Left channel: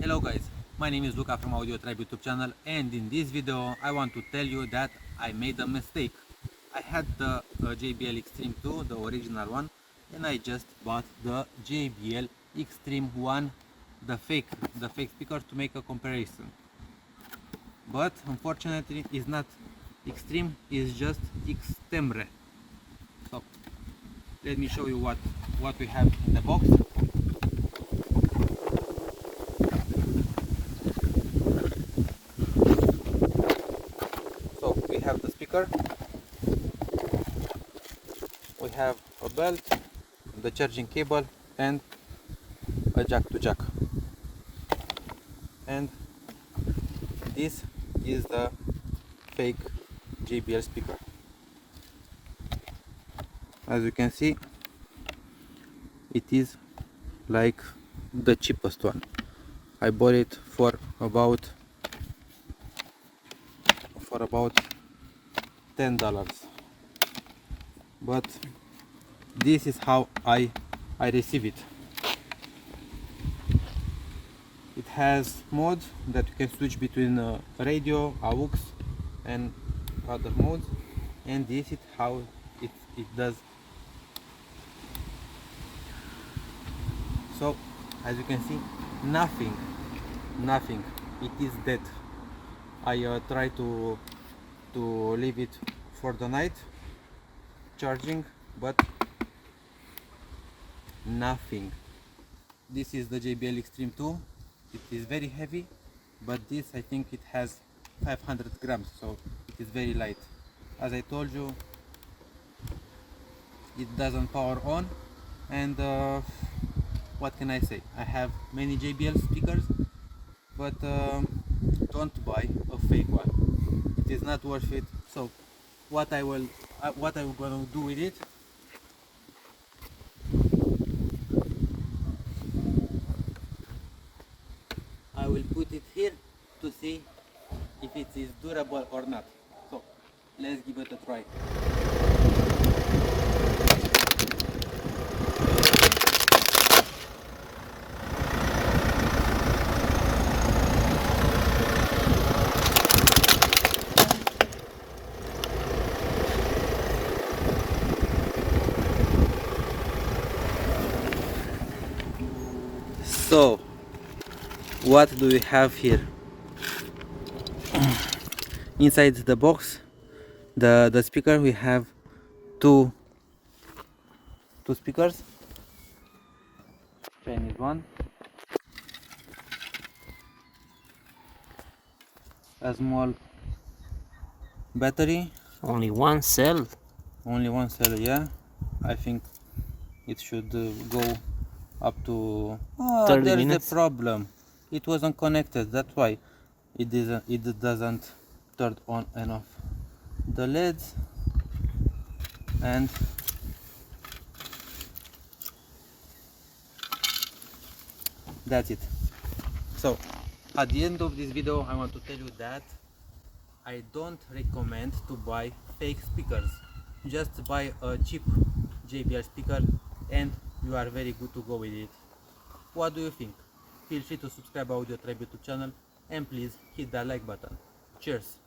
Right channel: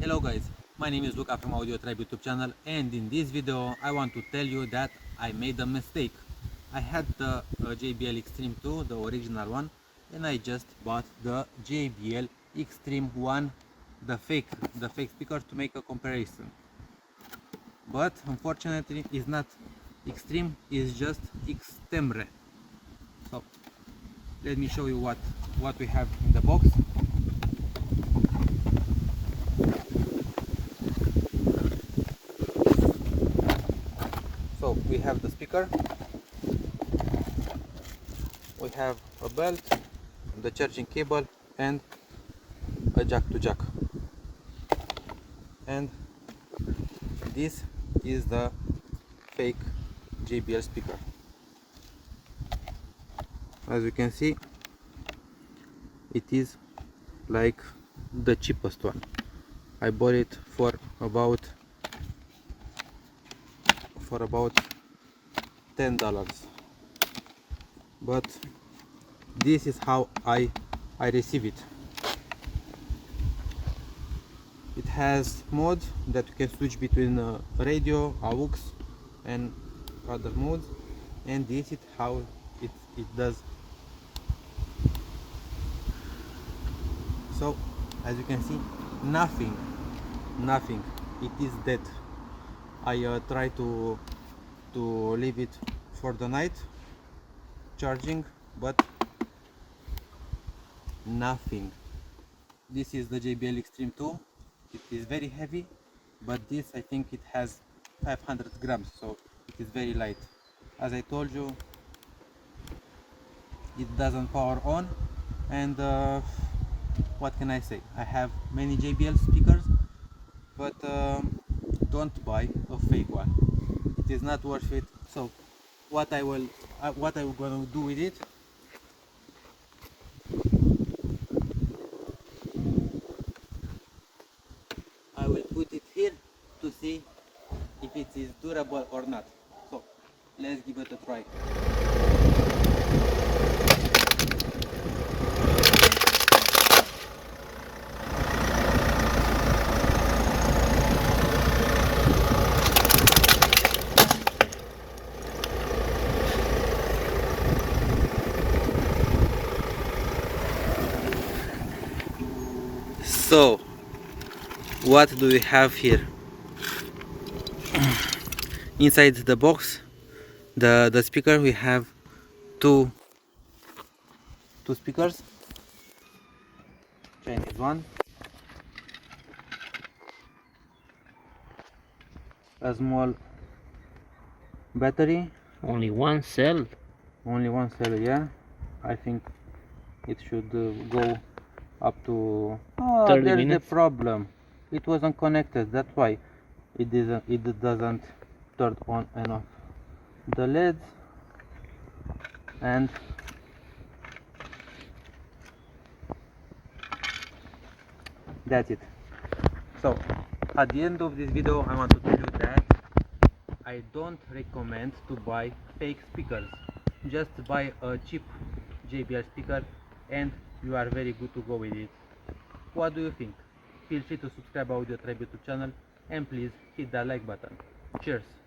Hello guys, my name is Luca from Unauthorized YouTube channel, and in this video I want to tell you that I made a mistake. I had the JBL Extreme 2, the original one, and I just bought the JBL Extreme 1, the fake speaker, to make a comparison. But unfortunately it's not Extreme, it's just Extemre. So let me show you what we have in the box. So we have the speaker, we have a belt, the charging cable, and a jack to jack. And this is the fake JBL speaker. As you can see, it is like the cheapest one. I bought it for about $10, but this is how I receive it. It has modes that you can switch between radio, aux, and other modes, and this is how it does. So as you can see, nothing, it is dead. I try to leave it for the night charging, but nothing. This is the JBL Extreme 2. It is very heavy, but this, I think it has 500 grams, so it is very light. As I told you, it doesn't power on, and what can I say? I have many JBL speakers, but don't buy a fake one. It is not worth it. So what I'm gonna do with it, I will put it here to see if it is durable or not. So let's give it a try. So what do we have here? Inside the box, the speaker, we have two speakers. Chinese one, a small battery, Only one cell. Yeah, I think it should go up to 30 there's minutes. the problem, it wasn't connected, that's why it doesn't turn on and off the LEDs. And that's it. So at the end of this video, I want to tell you that I don't recommend to buy fake speakers. Just buy a cheap JBL speaker and you are very good to go with it. What do you think? Feel free to subscribe to Audio Tribe YouTube channel, and please hit that like button. Cheers!